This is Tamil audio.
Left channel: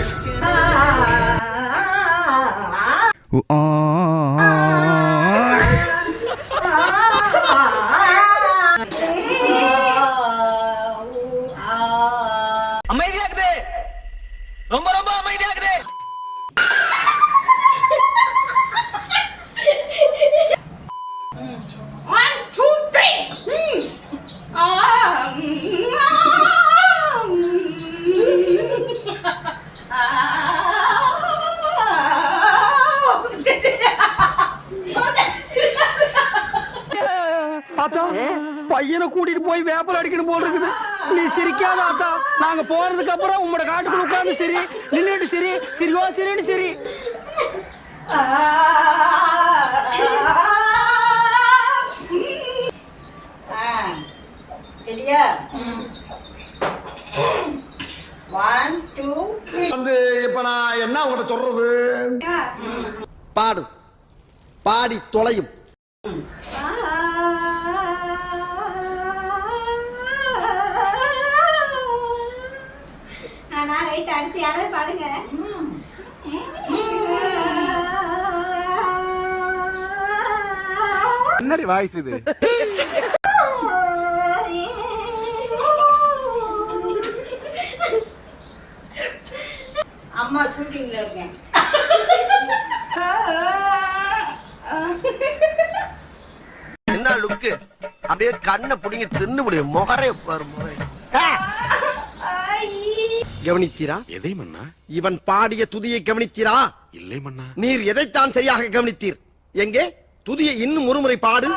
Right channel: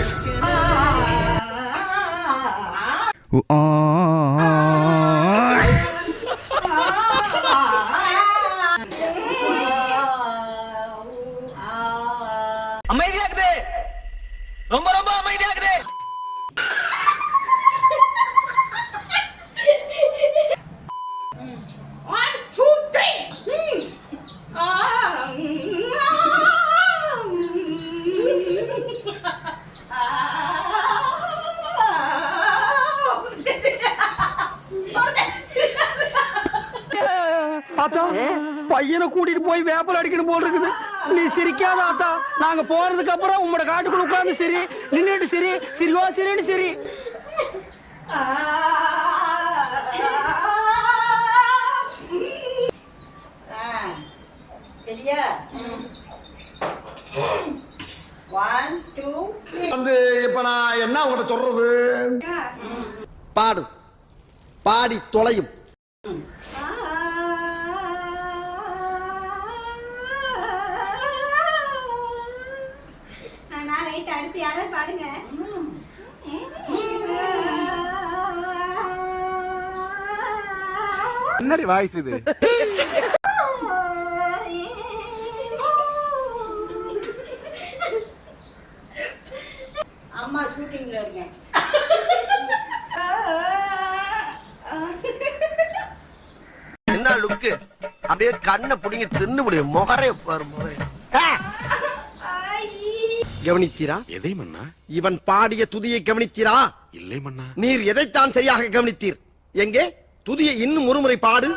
பேசு. அமைதியா இருக்குது, ரொம்ப ரொம்ப அமைதியா இருக்குது. ஆத்தா, பையனை கூட்டிட்டு போய் வேப்பல் அடிக்கணும் போல் இருக்குது. நீ சிரிக்காத ஆத்தா. நாங்க போறதுக்கு அப்புறம் உங்களோட காட்டுக்குள்ள உட்கார்ந்து சரி, நின்னுட்டு சரி, சிரிவா சரின்னு சரி. வந்து இப்ப நான் என்ன உங்கள்கிட்ட சொல்றது? பாடு, பாடி தொலையும். அடுத்து யாராவது பாடுங்க. என்னடி வாய்ஸ் இது? அம்மா ஷூட்டிங்ல இருக்கேன். என்ன லுக்கு? அப்படியே கண்ணை புடிங்க தின்னு முடியும். முகரே பாரு, முகரே. கவனித்தீரா? எதை மன்னா? இவன் பாடிய துதியை கவனித்தீரா? இல்லை மன்னா. நீர் எதைத்தான் சரியாக கவனித்தீர்? எங்கே துதியை இன்னும் ஒருமுறை பாடு.